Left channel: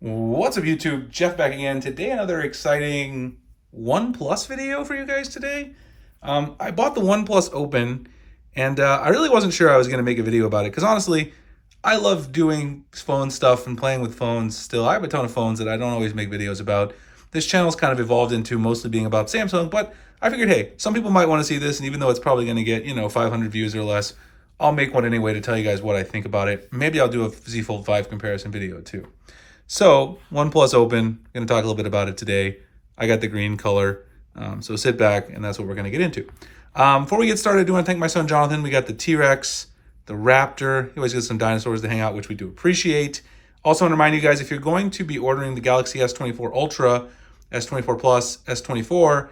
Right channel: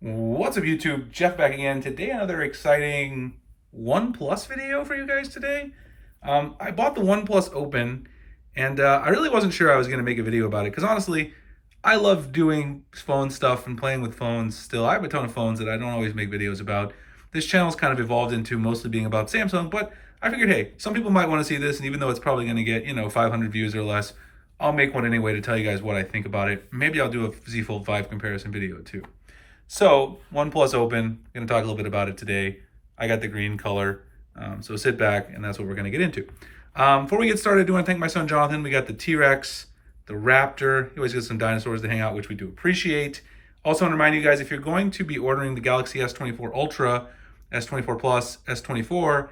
What's up, YouTube? Jeff back again. Today, another exciting OnePlus video for you guys today. I bought the OnePlus Open, and I really wasn't sure I was going to make a video about it because honestly, I love doing phone stuff and playing with phones still. I have a ton of phones that I don't always make videos about. This channel's kind of evolved into mostly being about Samsung, but I figured, hey, some people might want to see this, and even though it's probably going to get, 500 views or less, I'll make one anyway to tell you guys what I think about it. Maybe I'll do a Z Fold 5 comparison video too. So, OnePlus Open, going to talk a little bit about it today. I got the green color, so sit back, and that's what we're going to get into. Before we get started, I do want to thank my son Jonathan. We got the T-Rex, the Raptor. He always gets some dinosaurs to hang out, which we do appreciate. Also want to remind you guys, if you're going to be ordering the Galaxy S24 Ultra, S24 Plus, S24,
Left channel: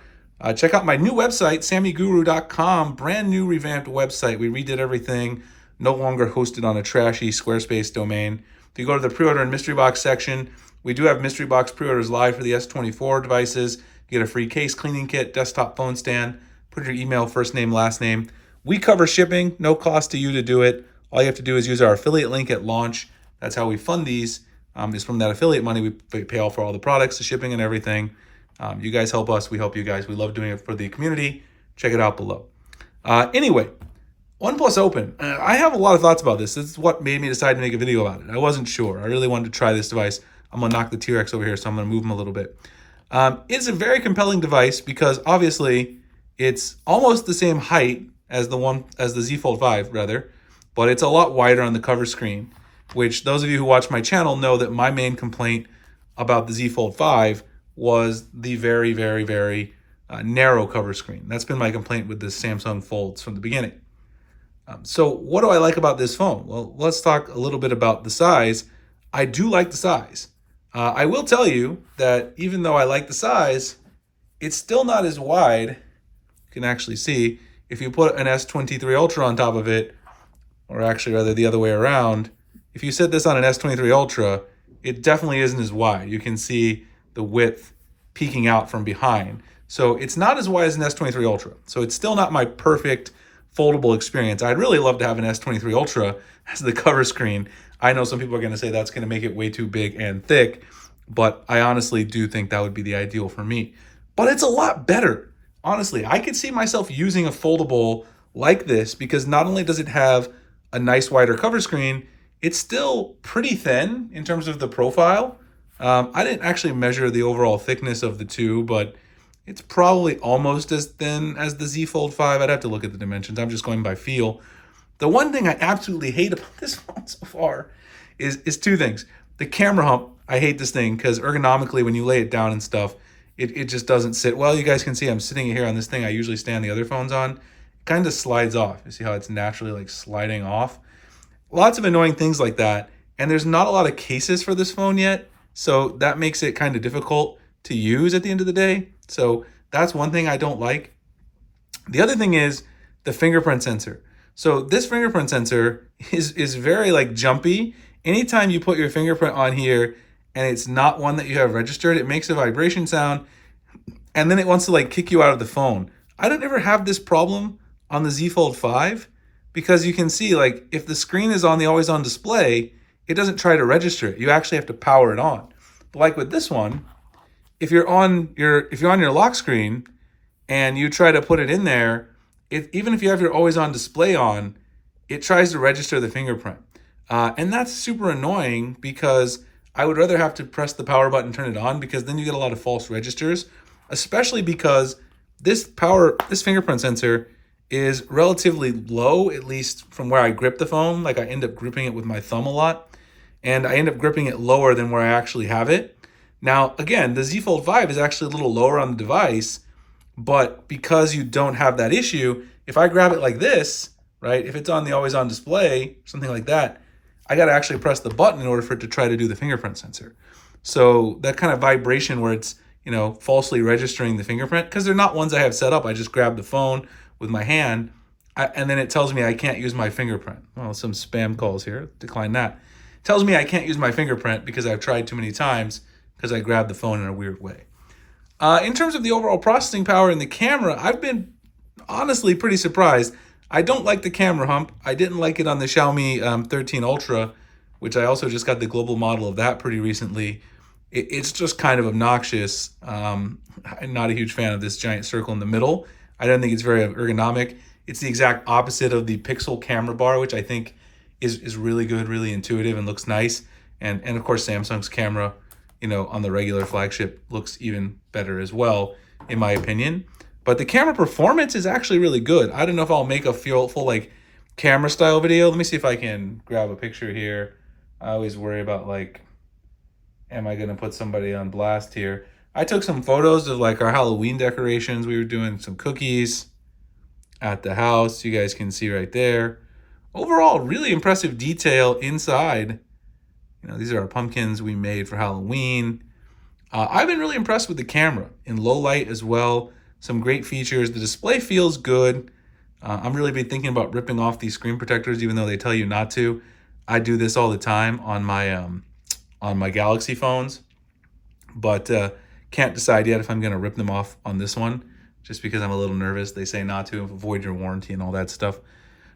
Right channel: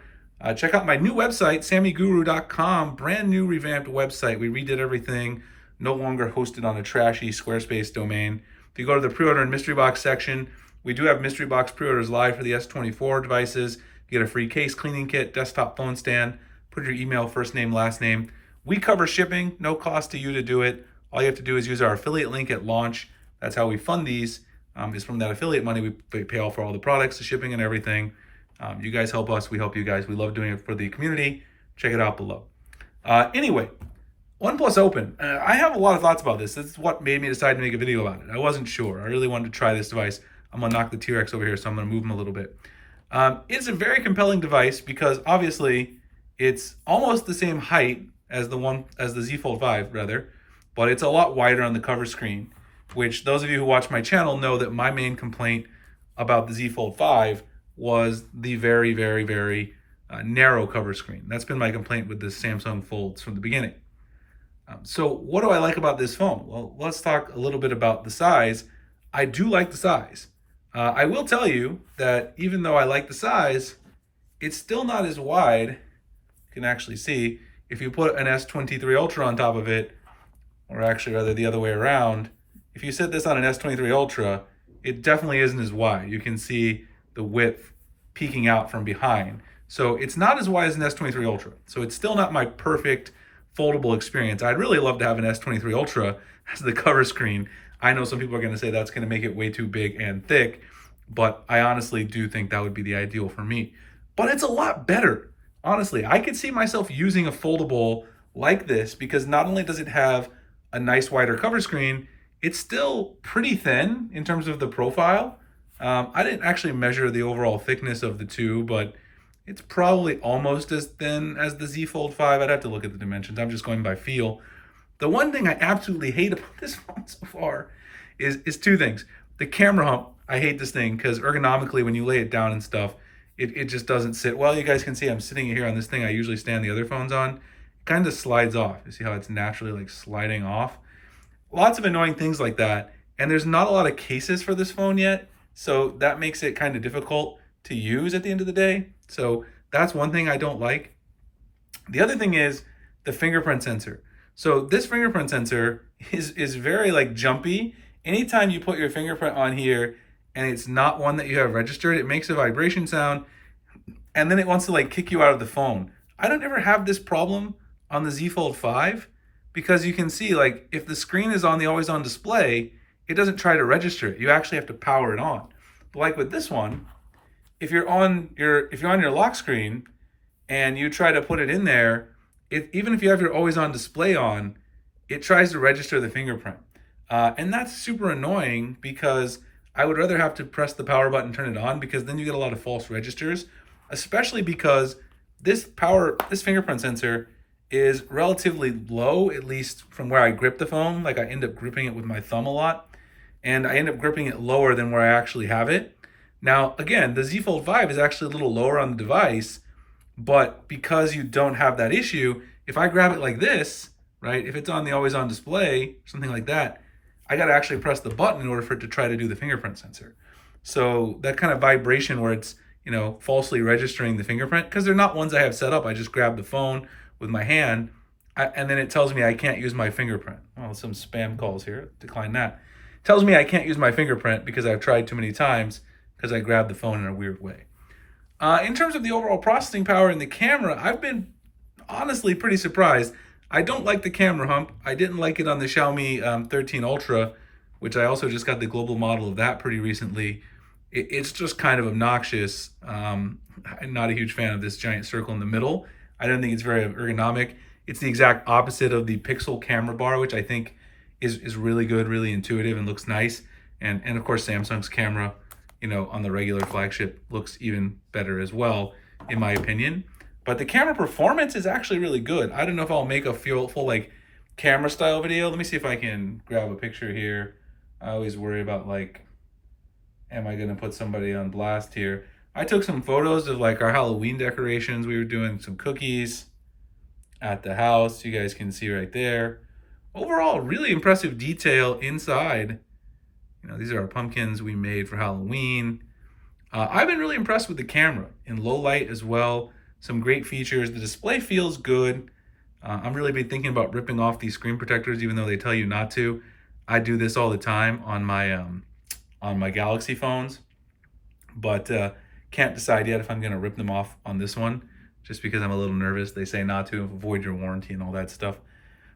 check out my new website, sammyguru.com, brand new revamped website. We redid everything, no longer hosted on a trashy Squarespace domain. If you go to the pre-order and mystery box section, we do have mystery box pre-orders live for the S24 devices. You get a free case, cleaning kit, desktop phone stand, put your email, first name, last name. We cover shipping, no cost to you to do it. All you have to do is use our affiliate link at launch. That's how we fund these, is from that affiliate money. We pay all for all the products, the shipping and everything. You guys help us, we help you guys. We love doing it for the community. Check it out below. Anyway, OnePlus Open. I have a lot of thoughts about this. This is what made me decide to make a video about it. I wasn't sure. I really wanted to try this device. I'm going to knock the T-Rex over here, so I'm going to move him a little bit. It's a very compelling device because obviously it's almost the same height as the Z Fold 5 rather, but it's a lot wider on the cover screen, which those of you who watch my channel know that my main complaint about the Z Fold 5 was the very, very, very narrow cover screen. That's been my complaint with the Samsung Folds from the beginning. So what do I like about this phone? Well, let's talk a little bit about the size. I do like the size. I will tell you that even though I like the size, it's still not as wide. You can actually see if you put an S23 Ultra on top of it, or actually rather the other way around, if you set this on an S23 Ultra, it definitely isn't as wide. You can see the width peeking out from behind. So it's not as wide as an S23 Ultra. So it's still not my perfect foldable experience. I'd really love to have an S23 Ultra as the cover screen. I know some people are going to say that's going to make it way too big and thick, but I honestly do think that would be the ideal for me. But it's a lot better. Honestly, I could see myself using a foldable like this because not only does it have a nice wider cover screen, it's still pretty thin in terms of the profile. I didn't actually measure the overall thickness of the two, but it's probably almost as thin as the Z Fold 5. I'd have to look at the dimensions. I'm just going by feel. The one thing I absolutely hate about this phone so far is two things. The camera hump, I hate this thing because ergonomically when you lay it down and stuff, it just doesn't sit well. You guys can see I'm sitting here on this thing I usually stand the other phones on. It kind of slides off. You see how it's naturally like sliding off? Lots of annoying things like that. And there's not a lot of cases for this phone yet. So that makes it kind of difficult to use at the end of the day. So that's one thing I don't like. The other thing is the fingerprint sensor. So this fingerprint sensor is very like jumpy. Anytime you put your fingerprint on here and it's not one that you have registered, it makes a vibration sound and then it wants to like kick you out of the phone. I don't ever have this problem on the Z Fold 5 because you can see like if the screen is on the always on display, it doesn't try to register it. You actually have to power it on. But like with this one, if you're on your lock screen and you try to put it in there, even if you have your always on display on, it tries to register the fingerprint. And that's super annoying because I would rather have to press the power button, turn it on, because then you get a lot of false registers, especially because this fingerprint sensor is relatively low, at least from where I grip the phone. Like I end up gripping it with my thumb a lot, and I end up gripping it lower than where I actually have it. Now, again, the Z Fold 5 is actually a little lower on the device, but because you don't have that issue, if I grab it like this, right, if it's on the always on display, something like that, I got to actually press the button in order for it to try to do the fingerprint sensor. So that kind of vibration where it's, falsely registering the fingerprint, because they're not ones I have set up. I just grab the phone with my hand, and then it tells me I can't use my fingerprint. Well, some spam calls here. Decline that. It tells me I can't use my fingerprint because I've tried too many times because I grabbed the phone in a weird way. In terms of the overall processing power in the camera, I've been honestly pretty surprised. I don't like the camera hump. I didn't like it on the Xiaomi 13 Ultra, which I also just got the global model of that pretty recently. it's just kind of obnoxious. I'm not a huge fan of this giant circle in the middle. I don't think it's very ergonomic. It's the exact opposite of the Pixel camera bar, which I think is really good, really intuitive, and looks nice. And of course, Samsung's camera, on the regular flagship looks even better as well, in my opinion. But the camera performance is actually really good. I don't know if I'll make a full like camera style video. Let me see if I can grab a picture here. I always worry about like, am I gonna put somebody on blast here? I took some photos of like our Halloween decorations. We were doing some cookies at the house. You guys can see right there. Overall, really impressive detail inside. These are our pumpkins we made for Halloween. I've been really impressed with the camera in low light as well. Some great features. The display feels good. I'm really been thinking about ripping off these screen protectors, even though they tell you not to. I do this all the time on my Galaxy phones, but can't decide yet if I'm gonna rip them off on this one, just because I'm a little nervous. They say not to avoid your warranty and all that stuff.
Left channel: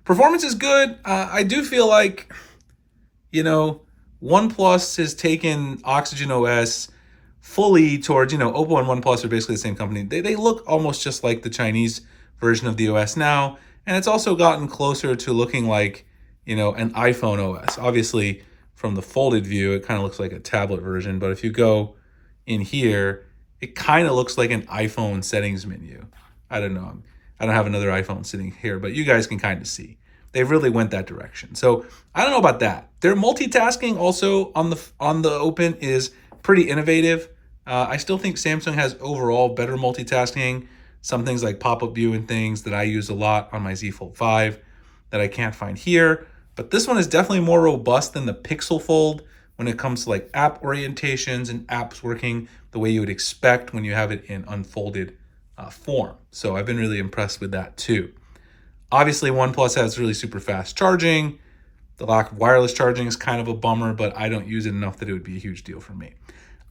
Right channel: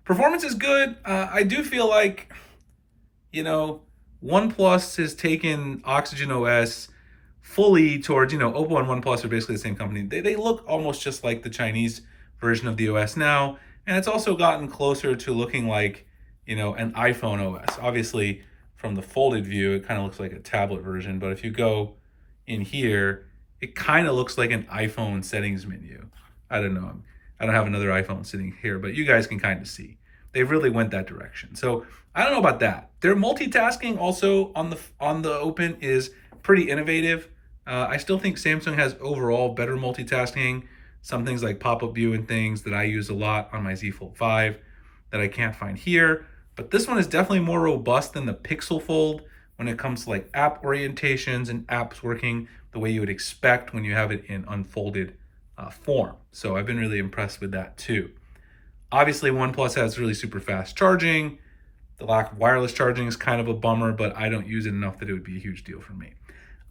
Performance is good. I do feel like, OnePlus has taken Oxygen OS fully towards, Oppo and OnePlus are basically the same company. They look almost just like the Chinese version of the OS now. And it's also gotten closer to looking like, an iPhone OS. Obviously, from the folded view, it kind of looks like a tablet version. But if you go in here, it kind of looks like an iPhone settings menu. I don't know. I don't have another iPhone sitting here, but you guys can kind of see. They really went that direction. So I don't know about that. Their multitasking also on the Open is pretty innovative. I still think Samsung has overall better multitasking. Some things like pop-up view and things that I use a lot on my Z Fold 5 that I can't find here. But this one is definitely more robust than the Pixel Fold when it comes to like app orientations and apps working the way you would expect when you have it in unfolded form. So I've been really impressed with that too. Obviously, OnePlus has really super fast charging. The lack of wireless charging is kind of a bummer, but I don't use it enough that it would be a huge deal for me.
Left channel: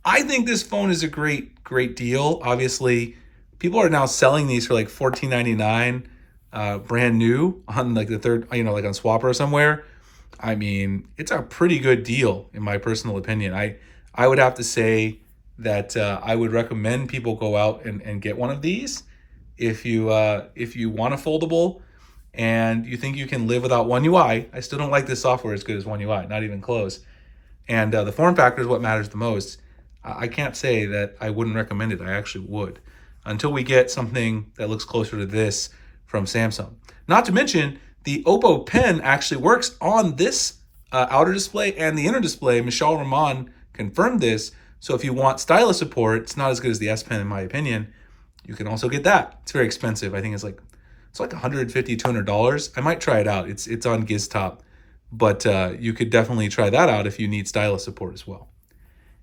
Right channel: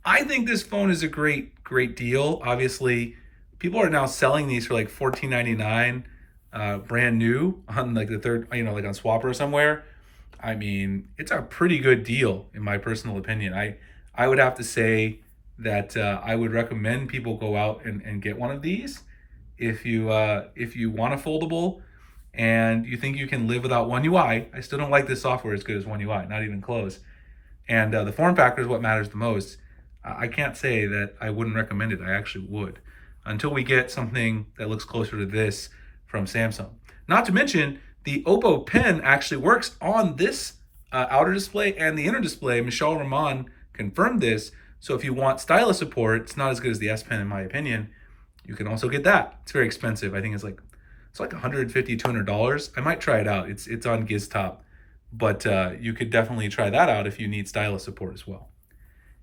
I think this phone is a great, great deal. Obviously, people are now selling these for like $14.99, brand new on like the third, like on Swapper or somewhere. I mean, it's a pretty good deal in my personal opinion. I would have to say that I would recommend people go out and get one of these if you want a foldable and you think you can live without One UI. I still don't like this software as good as One UI, not even close. And the form factor is what matters the most. I can't say that I wouldn't recommend it. I actually would, until we get something that looks closer to this from Samsung. Not to mention, the Oppo Pen actually works on this outer display and the inner display. Michelle Rahman confirmed this. So if you want stylus support, it's not as good as the S Pen in my opinion. You can also get that. It's very expensive. I think it's like $150, $200. I might try it out. It's on GizTop, but you could definitely try that out if you need stylus support as well.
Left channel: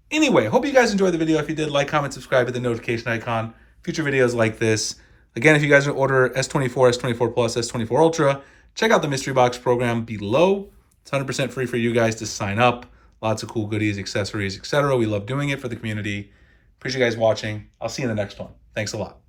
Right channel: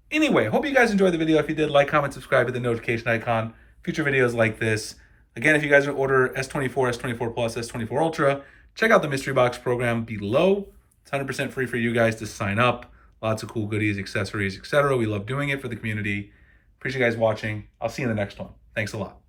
Anyway, hope you guys enjoyed the video. If you did, like, comment, subscribe, hit the notification icon. Future videos like this. Again, if you guys want to order S24, S24 Plus, S24 Ultra, check out the mystery box program below. It's 100% free for you guys to sign up. Lots of cool goodies, accessories, etc. We love doing it for the community. Appreciate you guys watching. I'll see you in the next one. Thanks a lot.